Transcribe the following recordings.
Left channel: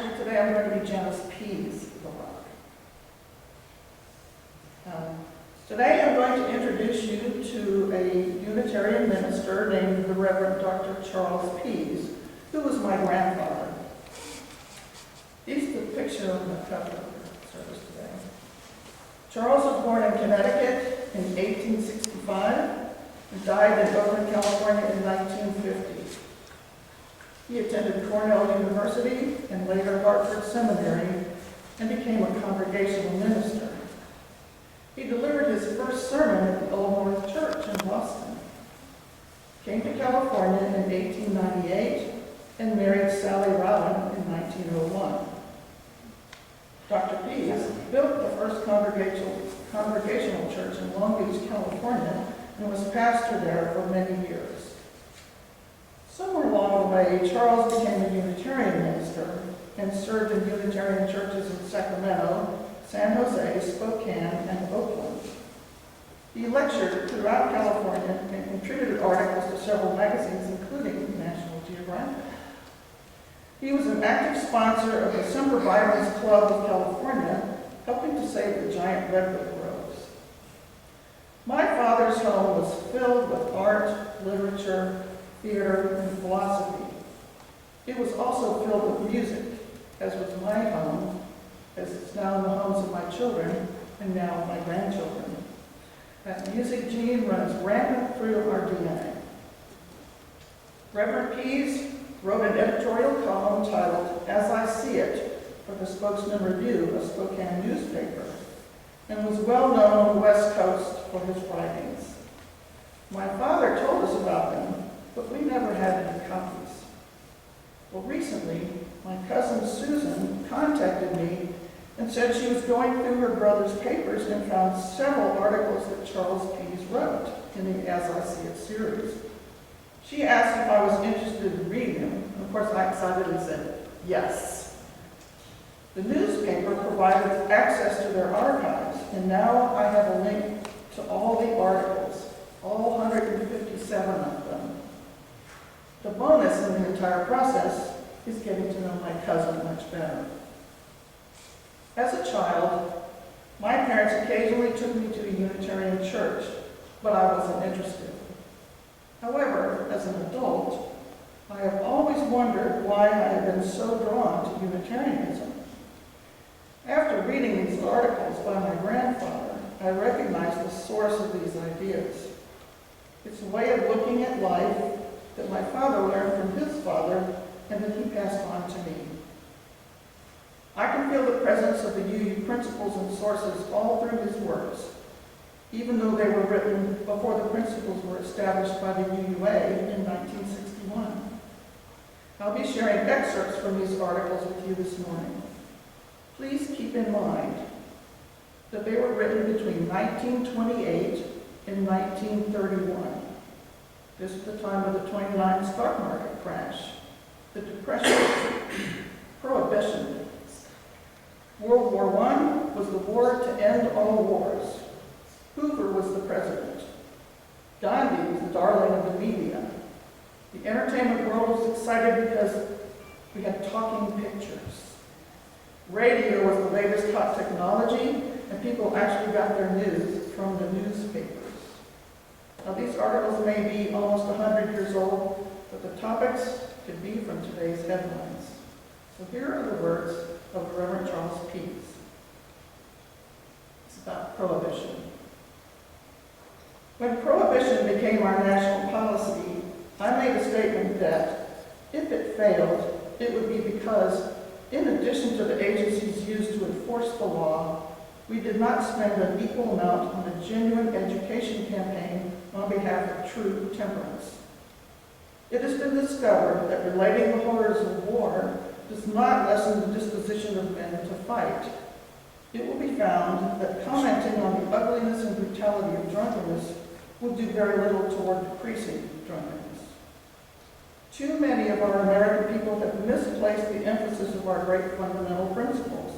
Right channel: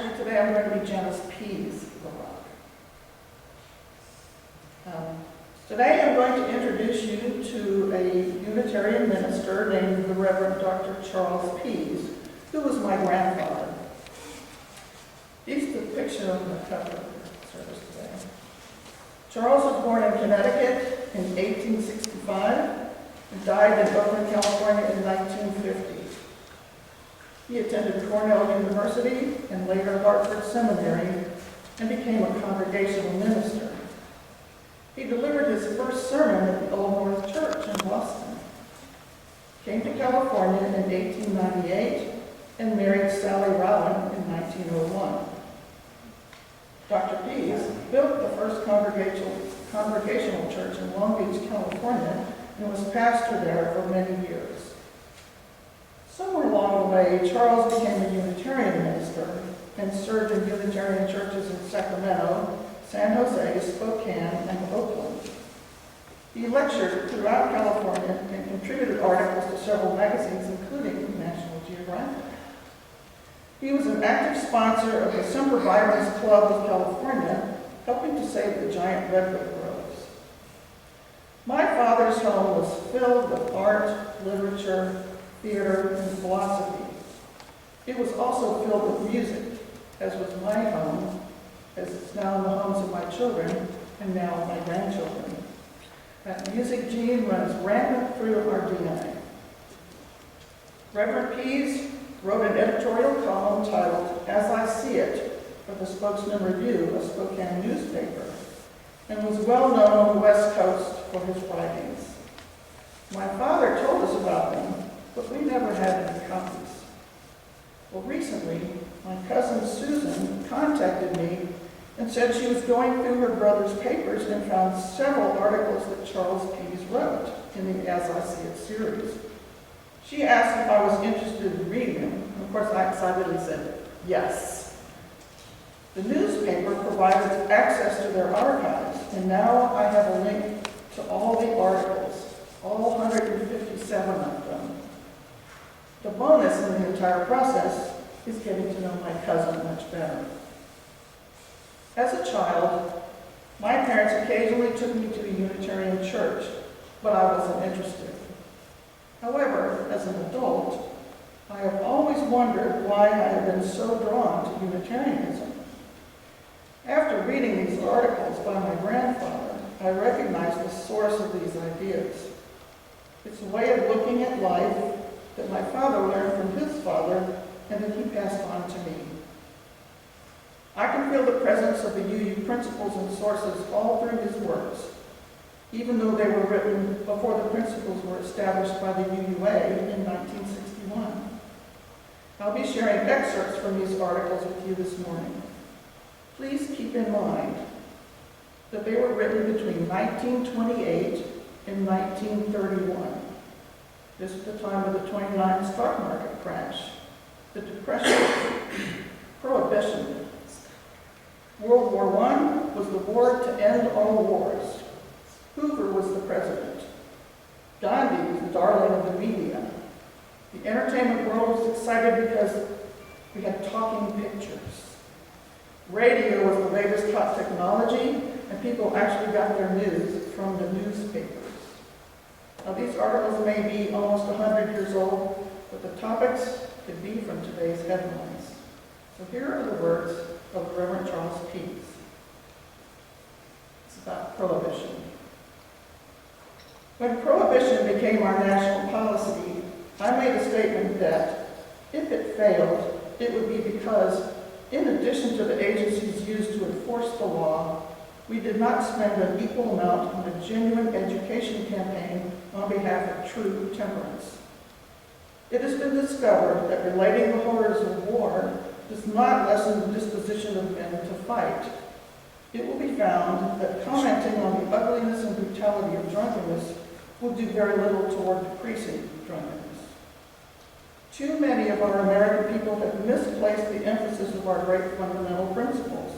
Actually, today I'm going to be Janis Pease LaRocque. Today I'm going to introduce you to a Unitarian minister named the Reverend Dr. Charles Pease, who was my grandfather. He's the picture on the cover of the service today. Charles was born in Connecticut in 1865 and died in Oakland, California in 1950. He attended Cornell University and later Hartford Seminary and became a congregational minister. He delivered his first sermon at the Old North Church in Boston. Came to California in 1898 and married Sally Rowan in 1901. Dr. Pease built the first congregational church in Long Beach, California, and was pastor there for many years. Somewhere along the way, Charles became a Unitarian minister and served in Unitarian churches in Sacramento, San Jose, Spokane, and Oakland. He lectured throughout California and contributed articles to several magazines, including National Geographic. He was an active sponsor of the Semper Virens Club of California, helping to save the giant redwood groves. My father's home was filled with art, literature, theater, and philosophy. It was also filled with music, as was my home, as it's now in the homes of my children, and now my grandchildren. That music gene runs rampant through our DNA. Reverend Pease wrote an editorial column titled "As I See It" for the Spokesman Review, a Spokane newspaper, and was well known on the West Coast for his writings. My father told us about them, but we never had any copies. Well, recently, my cousin Susan contacted me and said she was going through her brother's papers and found several articles that Charles Pease wrote in the As I See It series. She asked if I was interested in reading them, and of course I excitedly said yes. The newspaper provided access to their archives, and now I have a link to all the articles, all 157 of them. The bonus in the entire process is getting to know my cousin much better. As a child, my parents occasionally took me to the Unitarian church, but I wasn't interested. However, as an adult, I have always wondered why I have been so drawn to Unitarianism. After reading these articles by my grandfather, I recognized the source of these ideas. It's a way of looking at life that my father learned from his father and that he passed on to me. I can feel the presence of the UU principles and sources all through his works, even though they were written before the principles were established by the UUA in 1961. I'll be sharing excerpts from these articles with you this morning. Please keep in mind that they were written between 1928 and 1931. This is the time of the 29 stock market crash, the Depression, Prohibition. World War I was the war to end all wars. Hoover was the president. Gandhi was the darling of the media. The entertainment world was excited because we had talking pictures. Radio was the latest hot technology, and people actually got their news from the newspapers. Now, these articles may be almost 100 years old, but the topics could be from today's headlines. So here are the words of Reverend Charles Pease. It's about prohibition. When prohibition became our national policy, I made a statement that, if it failed, it would be because, in addition to the agencies used to enforce the law, we did not spend an equal amount on a genuine education campaign on behalf of true temperance. It has been discovered that relating the horrors of war does not lessen the disposition of men to fight. It will be found that commenting on the ugliness and brutality of drunkenness will do very little toward decreasing drunkenness. Too many of our American people have misplaced the emphasis of our great fundamental principles.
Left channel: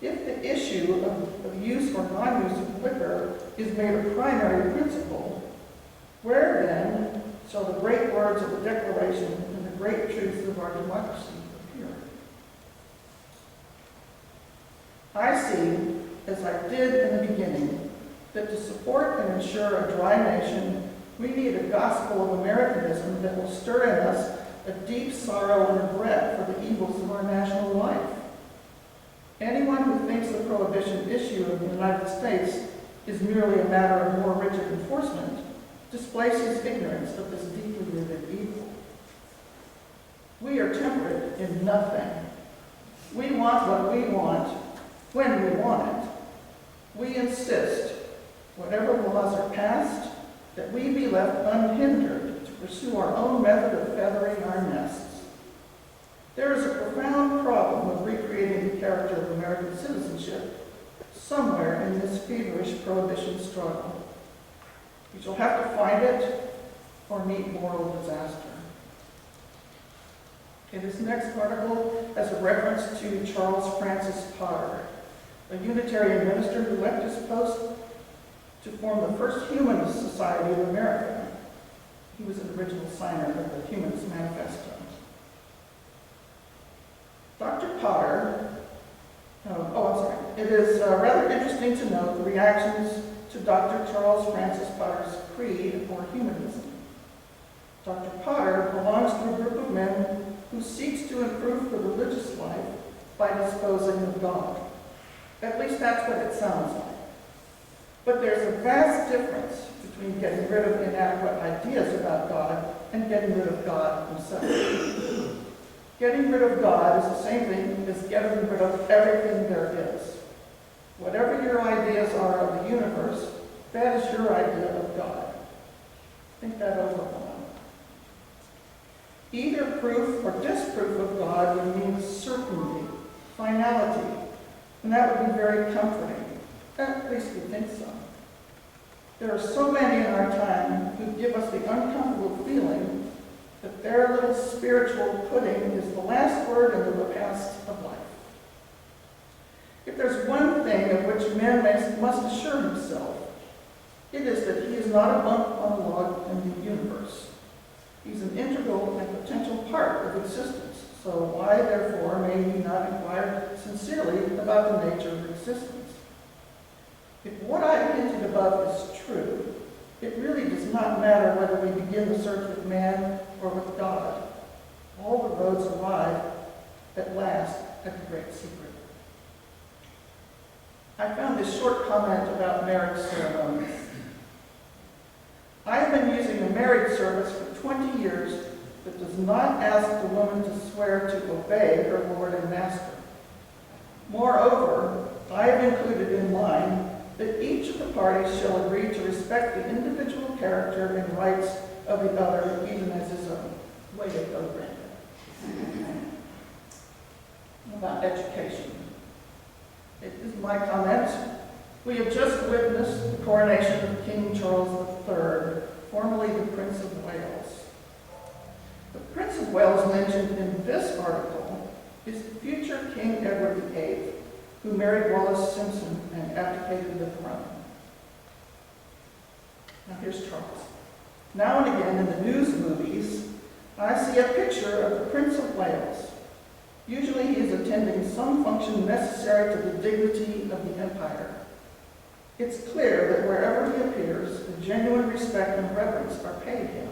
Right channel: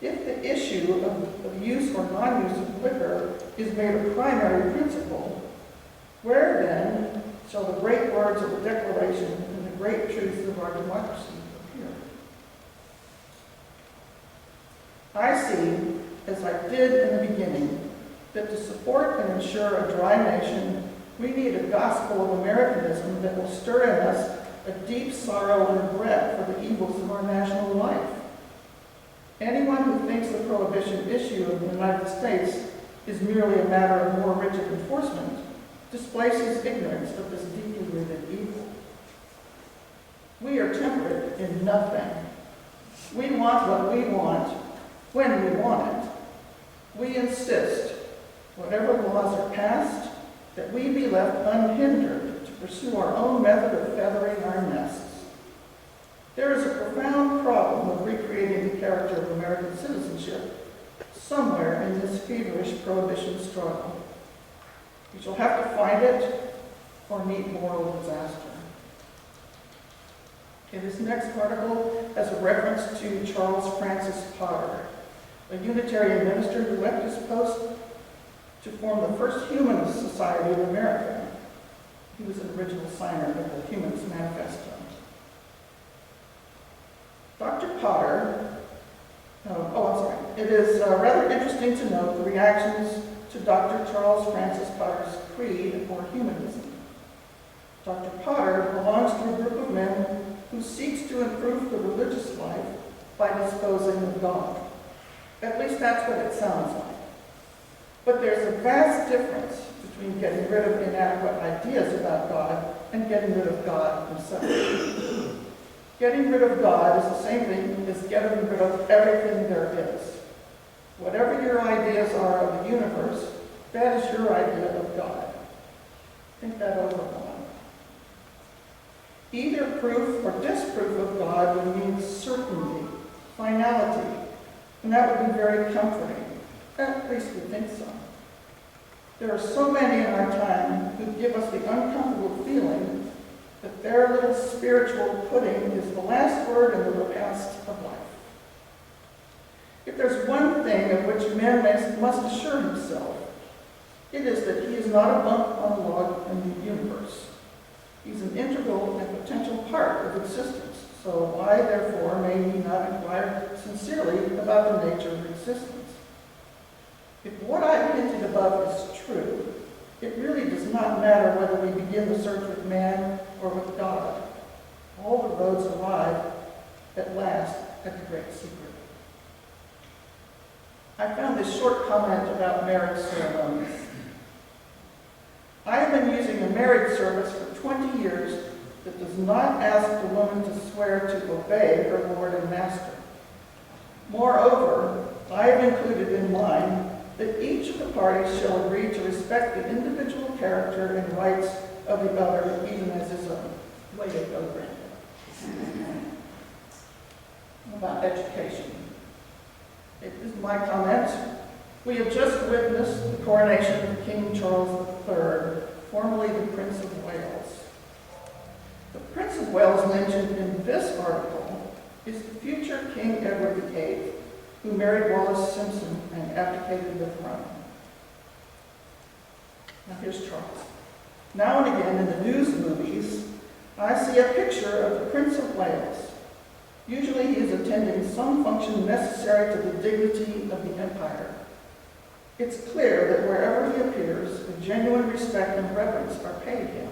If the issue of use or non-use of liquor is made a primary principle, where then shall the great words of the Declaration and the great truths of our democracy appear? I see, as I did in the beginning, that to support and ensure a dry nation, we need a gospel of Americanism that will stir in us a deep sorrow and regret for the evils of our national life. Anyone who thinks the prohibition issue of the United States is merely a matter of more rigid enforcement displaces ignorance of this deeply rooted evil. We are temperate in nothing. We want what we want when we want it. We insist, whatever laws are passed, that we be left unhindered to pursue our own method of feathering our nests. There is a profound problem of recreating the character of American citizenship somewhere in this feverish prohibition struggle. You shall have to find it or meet moral disaster. Okay, this next article has a reference to Charles Francis Potter, a Unitarian minister who left his post to form the first Humanist Society of America. He was an original signer of the Humanist Manifesto. Dr. Potter, it is rather interesting to note the reactions to Dr. Charles Francis Potter's creed for humanism. Dr. Potter belongs to a group of men who seeks to improve the religious life by disposing of God. At least that's what it sounds like. But there's a vast difference between getting rid of inadequate ideas about God and getting rid of God himself. Getting rid of God is the same thing as getting rid of everything there is. Whatever your ideas are of the universe, that is your idea of God. Think that over a while. Either proof or disproof of God would mean certainty, finality, and that would be very comforting. At least we think so. There are so many in our time who give us the uncomfortable feeling that their little spiritual pudding is the last word in the repast of life. If there's one thing of which man must assure himself, it is that he is not a bump on a log in the universe. He's an integral and potential part of existence, so why, therefore, may he not inquire sincerely about the nature of existence? If what I hinted above is true, it really does not matter whether we begin the search with man or with God. All the roads arrive at last at the great secret. I found this short comment about marriage ceremonies. I have been using a marriage service for 20 years that does not ask the woman to swear to obey her Lord and Master. Moreover, I have included in mine that each of the parties shall agree to respect the individual character and rights of the other, even as his own. Way to go, Brenda. About education. It is my comment. We have just witnessed the coronation of King Charles III, formerly the Prince of Wales. The Prince of Wales mentioned in this article is the future King Edward VIII, who married Wallis Simpson and abdicated the throne. Now here's Charles. Now and again in the news movies, I see a picture of the Prince of Wales. Usually he is attending some function necessary to the dignity of the empire. It's clear that wherever he appears, a genuine respect and reverence are paid him.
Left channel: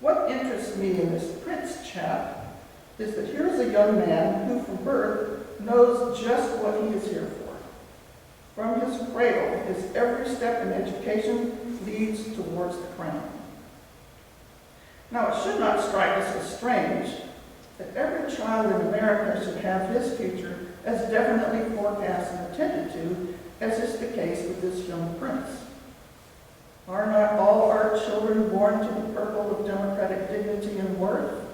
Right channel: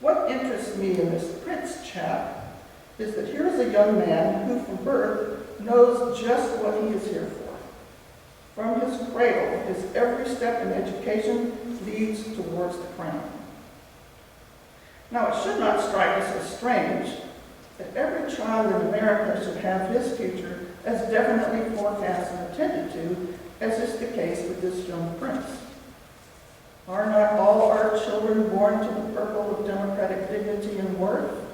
What interests me in this prince chap is that here is a young man who from birth knows just what he is here for. From his cradle, his every step in education leads towards the crown. Now, it should not strike us as strange that every child in America should have his future as definitely forecast and attended to, as is the case with this young prince. Are not all our children born to the purple of democratic dignity and worth?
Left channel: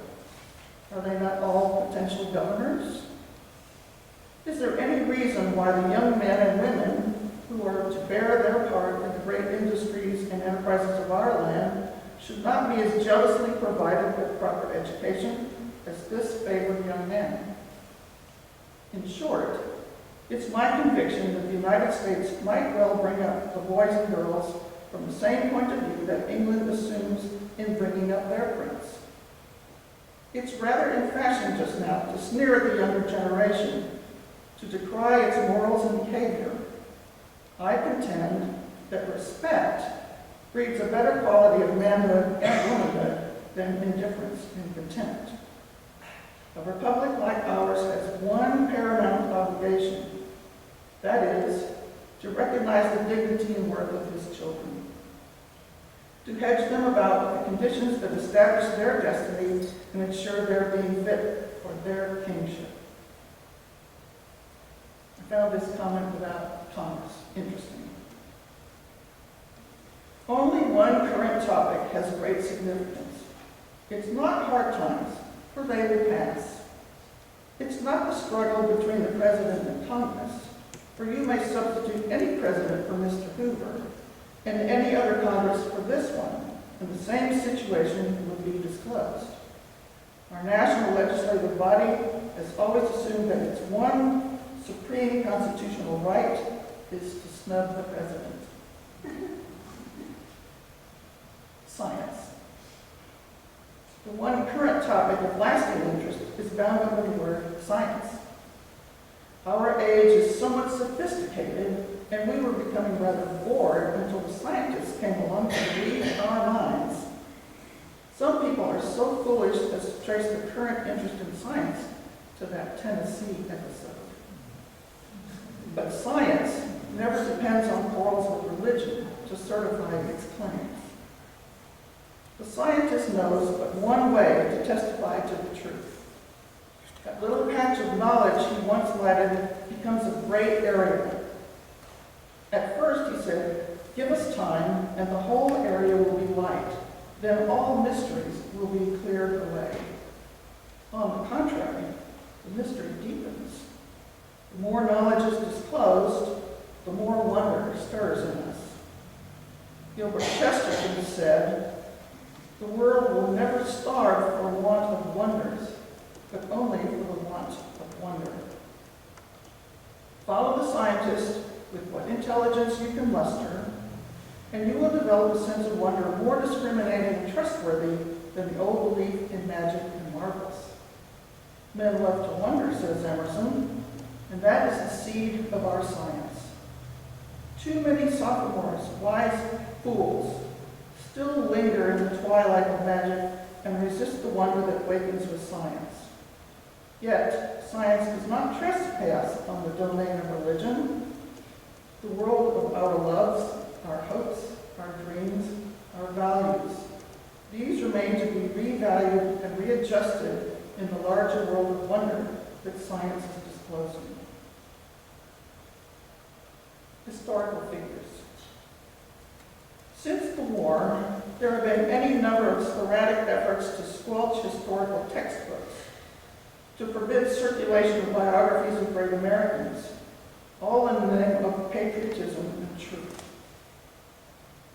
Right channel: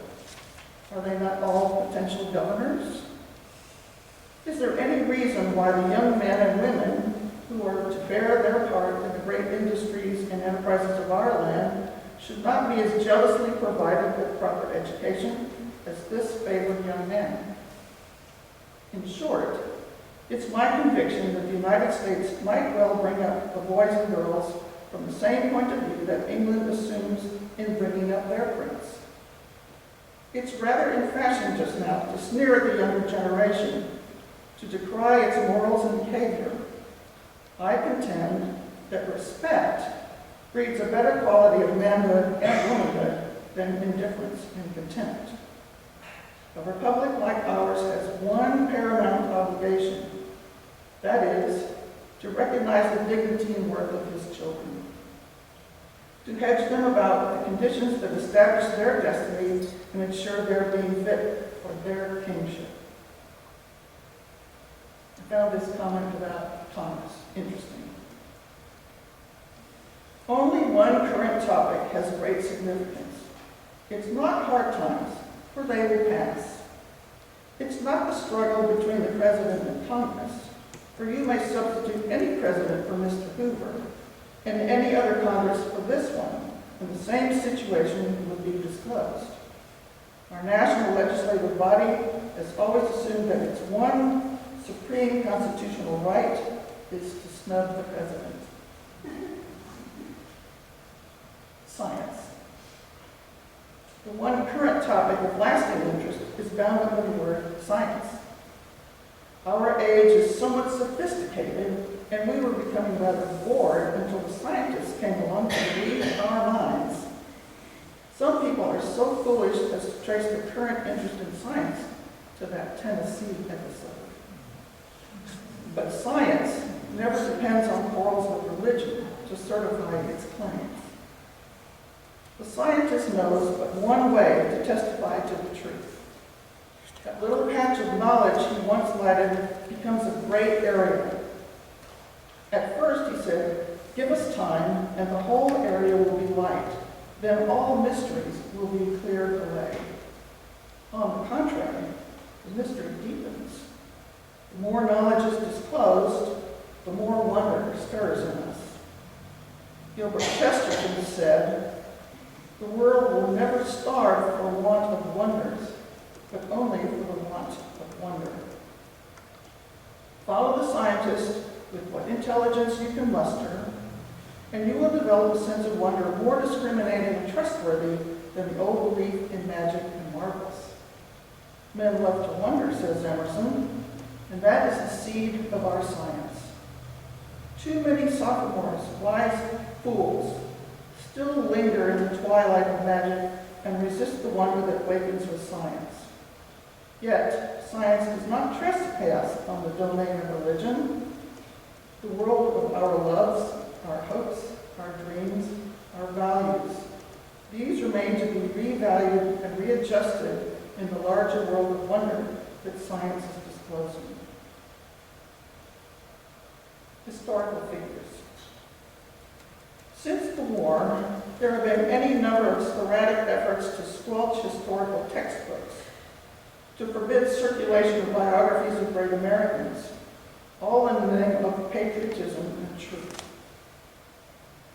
Are they not all potential governors? Is there any reason why the young men and women who are to bear their part in the great industries and enterprises of our land should not be as jealously provided with proper education as this favored young man? In short, it's my conviction that the United States might well bring up the boys and girls from the same point of view that England assumes in bringing up their prince. It's rather in fashion just now to sneer at the younger generation, to decry its morals and behavior. I contend that respect breeds a better quality of manhood and womanhood than indifference and contempt. A republic like ours has one paramount obligation, that is, to recognize the dignity and worth of his children, to hedge them about with the conditions that establish their destiny and ensure their being fit for their kingship. I found this comment about Thomas interesting. Only one current topic has great significance. It's not hard times, for they will pass. It's not the struggle between the president and Congress, for you may substitute any president for Mr. Hoover, and any other Congress for this one, and the same situation will be disclosed. Our national legislative body has always assumed that its one supreme constitutional right is to snub the president. Science. The one current topic of lasting interest is bound up in the word science. Our age is somewhat sophisticated, and we were becoming rather bored until the scientists came along to read our minds. Some people are so foolish as to trace the current interest in science to that Tennessee episode. But science never depends on quarrels with religion to certify its claims. The scientist knows but one way to testify to the truth. That little patch of knowledge he once lighted becomes a great area. At first, he said, "Give us time, and the whole area will be light. Then all mysteries will be cleared away." On the contrary, the mystery deepens. The more knowledge is disclosed, the more wonder stirs in us. Gilbert Chesterton said, "The world will never starve for want of wonders, but only for the want of wonder." Follow the scientist with what intelligence you can muster, and you will develop a sense of wonder more discriminating and trustworthy than the old belief in magic and marvels. Men love to wonder, says Emerson, and that is the seed of our science. Too many sophomores, wise fools, still linger in the twilight of magic and resist the wonder that wakens with science. Yet, science does not trespass on the domain of religion. The world of our loves, our hopes, our dreams, our values, these remain to be revalued and readjusted in the larger world of wonder that science is disclosing. Historical figures. Since the war, there have been any number of sporadic efforts to squelch historical textbooks, to forbid circulation of biographies of great Americans, all in the name of patriotism and truth.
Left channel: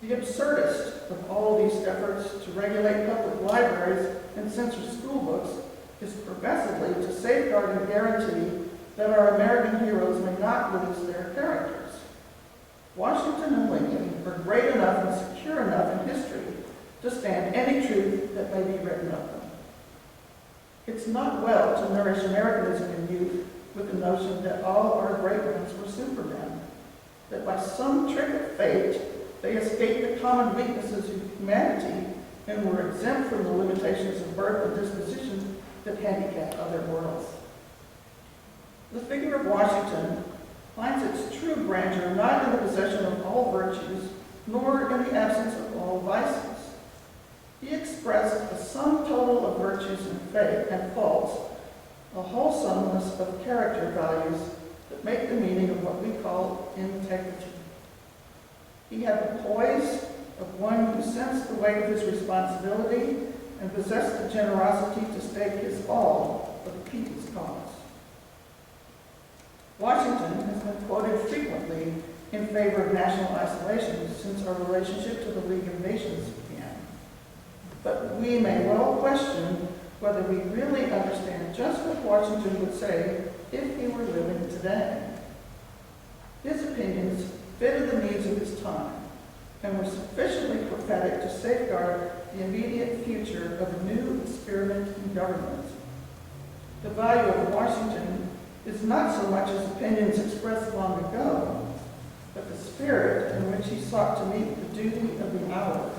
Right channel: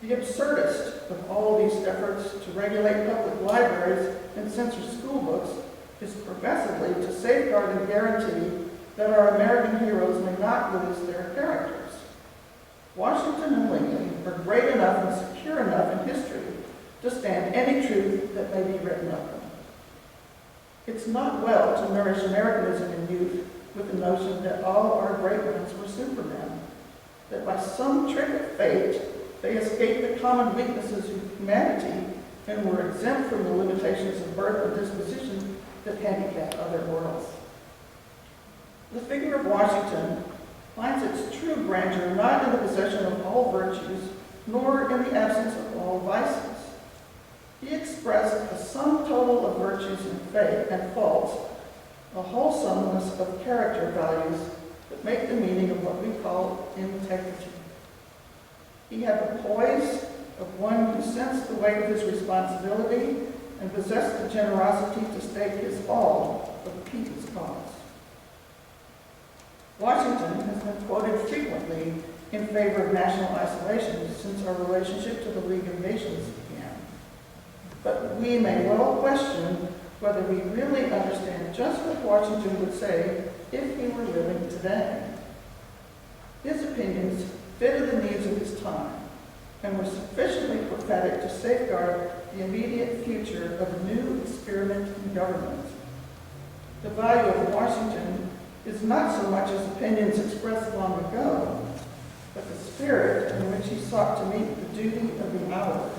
The absurdest of all these efforts to regulate public libraries and censor school books is progressively to safeguard and guarantee that our American heroes may not lose their characters. Washington and Lincoln are great enough and secure enough in history to stand any truth that may be written of them. It's not well to nourish Americanism in youth with the notion that all our great ones were supermen, that by some trick of fate they escaped the common weaknesses of humanity and were exempt from the limitations of birth and disposition that handicap other mortals. The figure of Washington finds its true grandeur not in the possession of all virtues, nor in the absence of all vices. He expressed a sum total of virtues and faith and faults, a wholesomeness of character values that make the meaning of what we call integrity. He had the poise of one who sensed the weight of his responsibility and possessed the generosity to stake his all for the people's cause. Washington has been quoted frequently in favor of national isolation since our relationship to the League of Nations began. But we may well question whether we really understand just what Washington would say if he were living today. His opinions fitted the needs of his time and were sufficiently prophetic to safeguard the immediate future of a new experiment in government. The value of Washington is not so much his opinions expressed long ago, but the spirit in which he sought to meet the duty of the hour.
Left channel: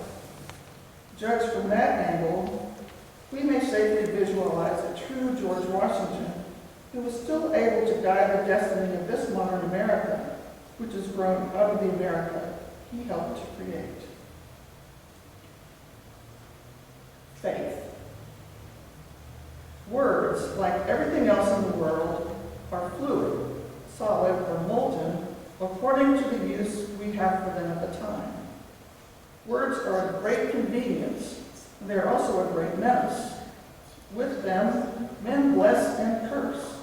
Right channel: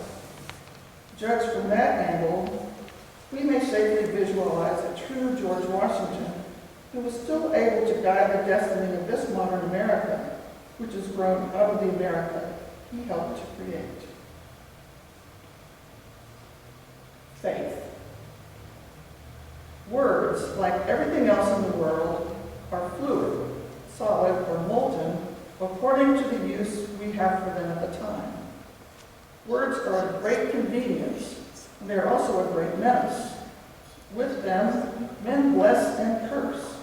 Judged from that angle, we may safely visualize a true George Washington who was still able to guide the destiny of this modern America, which has grown out of the America he helped to create. Faith. Words, like everything else in the world, are fluid, solid, or molten, according to the use we have for them at the time. Words are a great convenience, and they are also a great menace. With them, men bless and curse,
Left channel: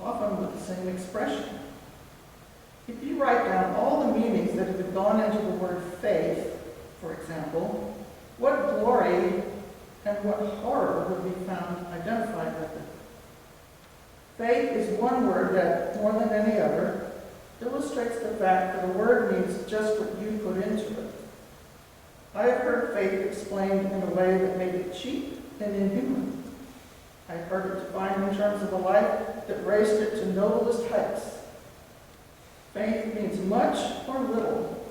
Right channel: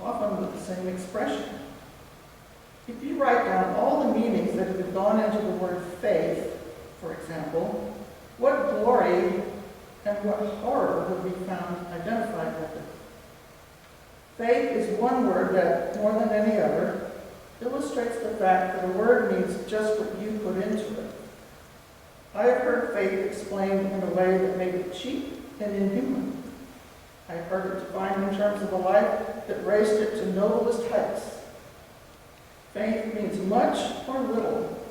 often with the same expression. If you write down all the meanings that have gone into the word faith, for example, what glory and what horror would be found identified with it? Faith is one word that, more than any other, illustrates the fact that a word means just what you put into it. I have heard faith explained in a way that made it cheap and inhuman. I've heard it defined in terms of a life that raised it to noblest heights. Faith means much or little,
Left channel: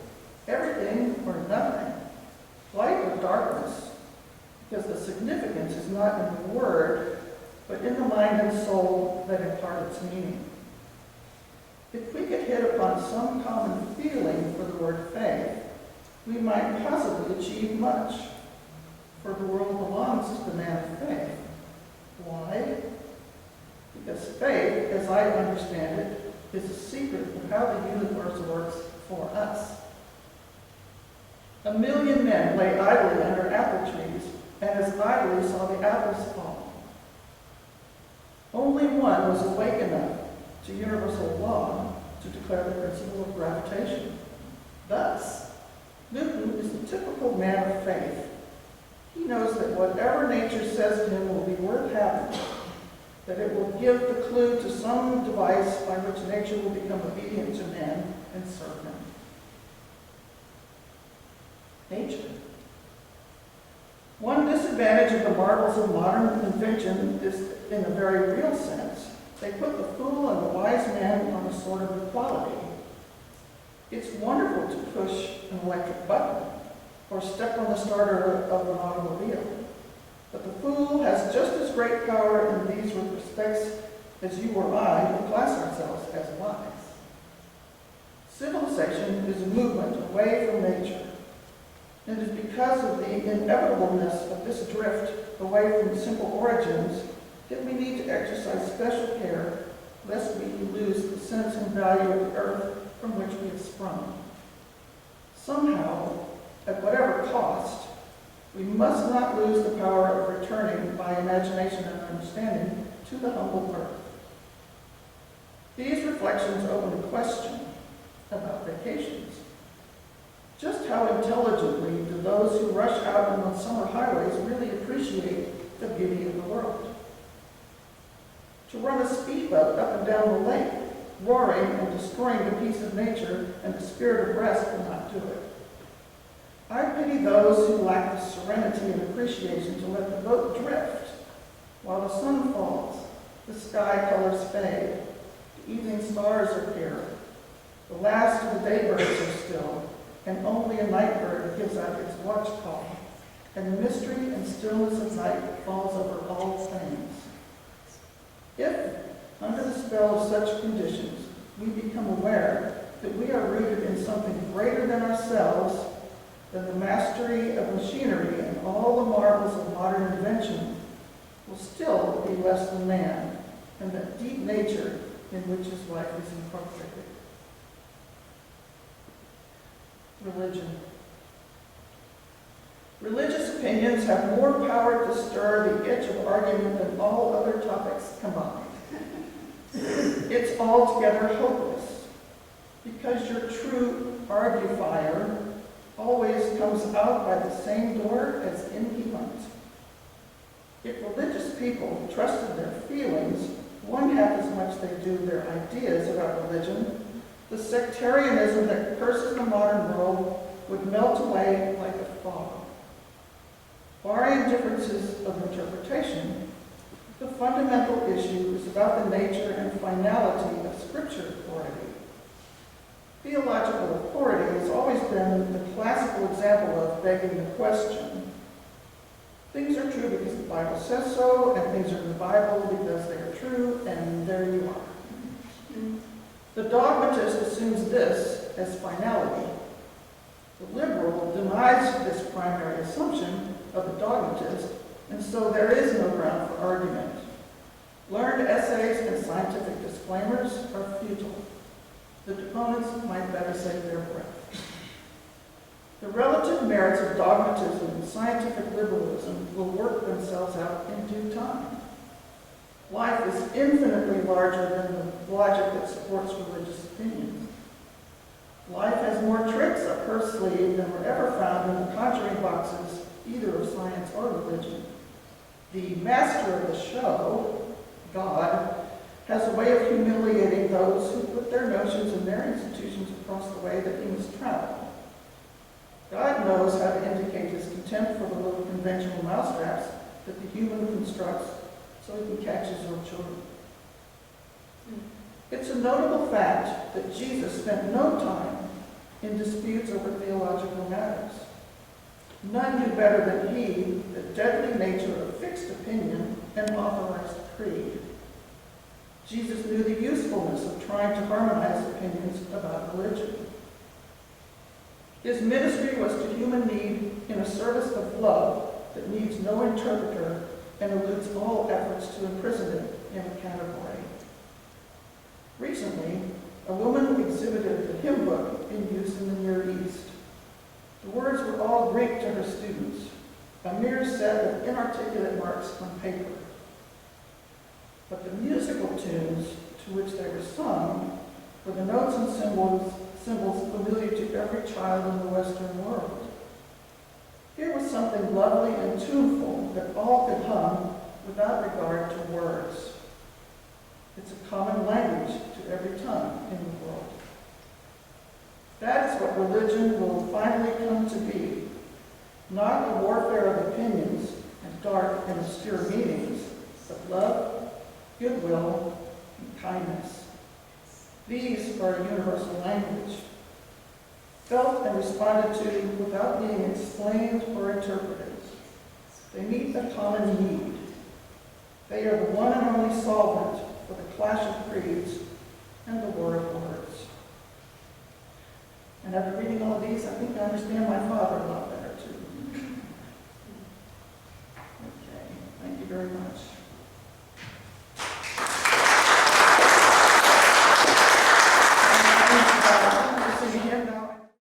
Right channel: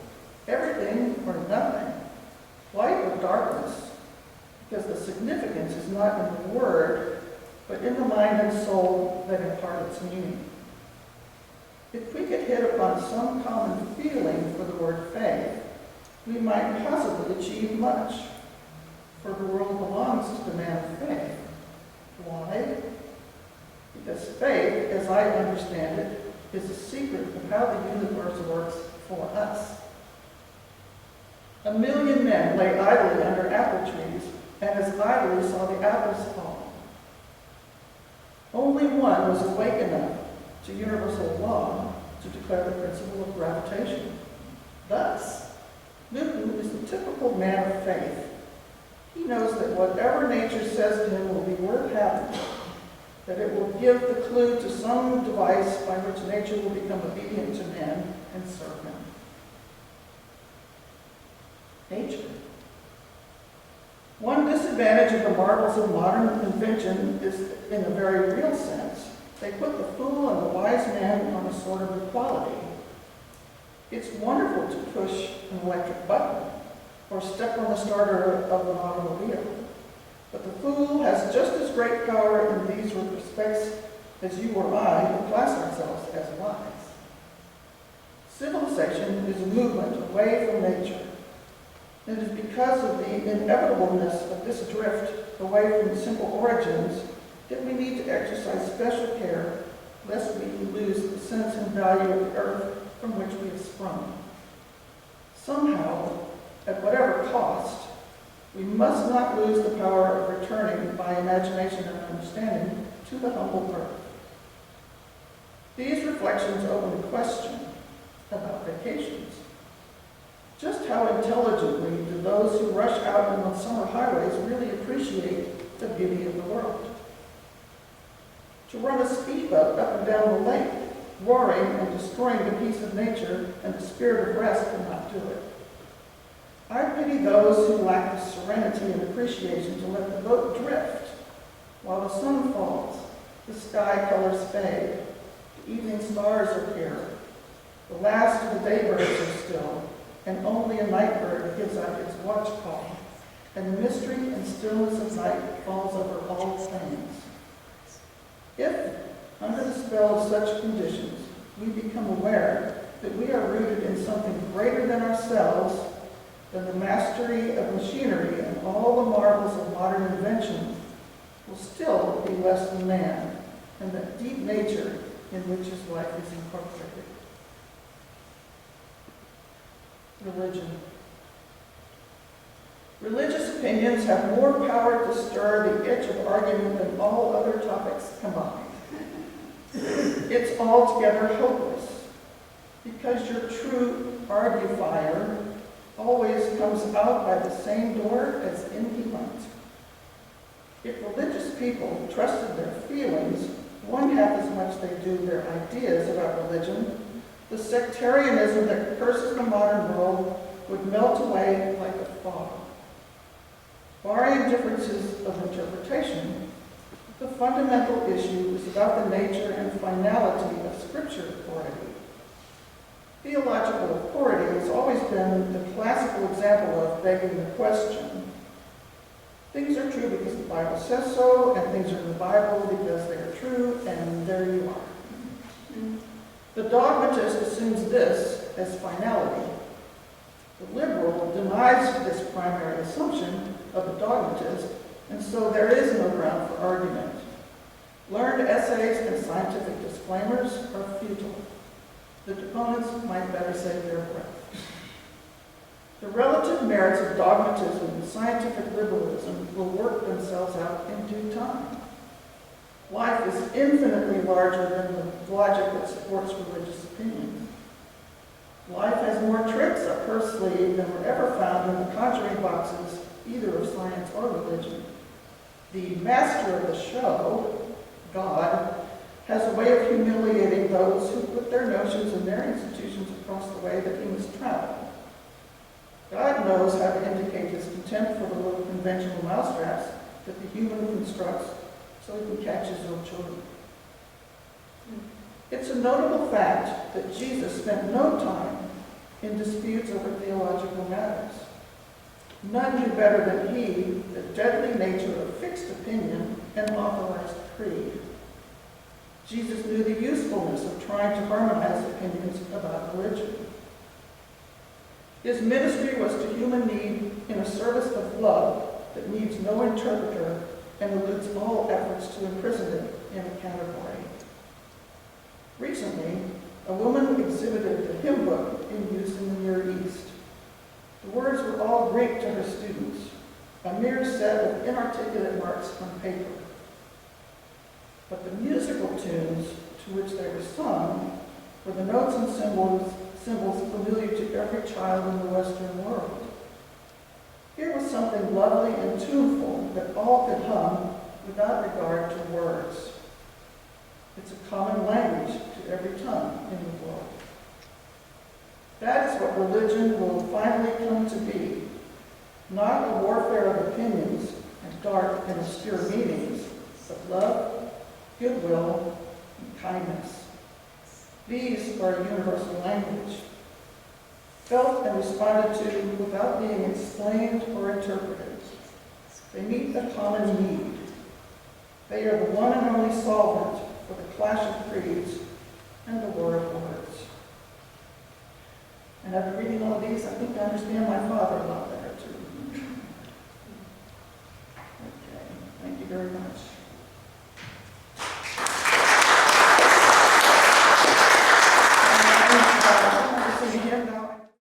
everything or nothing, light or darkness, because the significance is not in the word, but in the mind and soul that impart its meaning. If we could hit upon some common feeling for the word faith, we might possibly achieve much, for the world belongs to the man of faith. Why? Because faith, as I understand it, is the secret of how the universe works for us. 1 million men lay idly under apple trees, and as idly saw the apples fall. Only one was awake enough to universal law to declare the principle of gravitation. Thus, Newton is the typical man of faith. He knows that whatever nature says to him will be worth having, that it will give the clue to some device by which nature will become obedient to man and serve him. Nature. One disadvantage of the marvels of modern invention is, in a very real sense, they put the fool and the wise man on a sort of equality. It's wonderful to push an electric button or step on the starter of an automobile, but the fool has just as great power in these respects as you or I who class ourselves as wise. Civilization is a movement away from nature. It is because of the inevitableness of this drift away from simple origins that we need to exercise special care lest we lose the sense and value of the earth from which we have sprung. Somehow, at whatever cost, we must not lose the power of returning by imagination and understanding to the humble earth. These reflections open a question about vacations. Just how intelligently do those who rush out on the summer highways really appreciate the beauty of the world? To run a speedboat up and down the lake, roaring and destroying the peace of nature and the spirit of rest cannot do it. I pity those who lack the serenity and appreciation to let the boat drift while the sun falls, the sky colors fade, the evening stars appear, the last of the daybirds are still, and only a night bird gives out its watch call, and the mystery and stillness of night falls over all things. If, under the spell of such conditions, we become aware that we are rooted in something greater than ourselves, then the mastery of machinery and all the marvels of modern invention will still be less than man, and that deep nature in which his life is incorporated. Religion. Religious opinions have more power to stir the itch of argument than all other topics combined. It's altogether hopeless, because your true argufier always comes out by the same door as in he went. If religious people trusted their feelings one half as much they do their ideas about religion, the sectarianism that curses the modern world would melt away like a fog. Barring differences of interpretation, the fundamental issue is about the nature and finality of Scripture authority. Theological authority has always been the classical example of begging the question. Things are true because the Bible says so, and things are in the Bible because they are true, and there you are. The dogmatist assumes this as finality. The liberal denies this primary assumption of the dogmatist, and so there is no ground for argument. Learned essays and scientific disclaimers are futile. The deponents might better save their breath. The relative merits of dogmatism and scientific liberalism will work themselves out in due time. Life is infinitely larger than the logic that supports religious opinions. Life has more tricks up her sleeve than were ever found in the conjuring boxes, either of science or religion. The master of the show, God, has a way of humiliating those who put their notions and their institutions across the way that he must travel. God knows how to indicate his contempt for the little conventional mousetraps that the human constructs so he can catch his little children. It's a notable fact that Jesus spent no time in disputes over theological matters. None knew better than he the deadly nature of fixed opinion and authorized creed. Jesus knew the usefulness of trying to harmonize opinions about religion. His ministry was to human need in a service of love that needs no interpreter and eludes all efforts to imprison it in a category. Recently, a woman exhibited the hymn book in use in the Near East. The words were all Greek to her students, a mere set of inarticulate marks on paper. But the musical tunes to which they were sung were the notes and symbols familiar to every child in the Western world. Here was something lovely and tuneful that all could hum without regard to words. It's a common language to every tongue in the world. That is what religion will finally come to be. Not a warfare of opinions and dark and obscure meanings, but love, goodwill, and kindness. These are a universal language, felt and responded to without being explained or interpreted. They meet a common need. They are the one and only solvent for the clash of creeds and the war of words. And after reading all of these, I think I understand my father a lot better.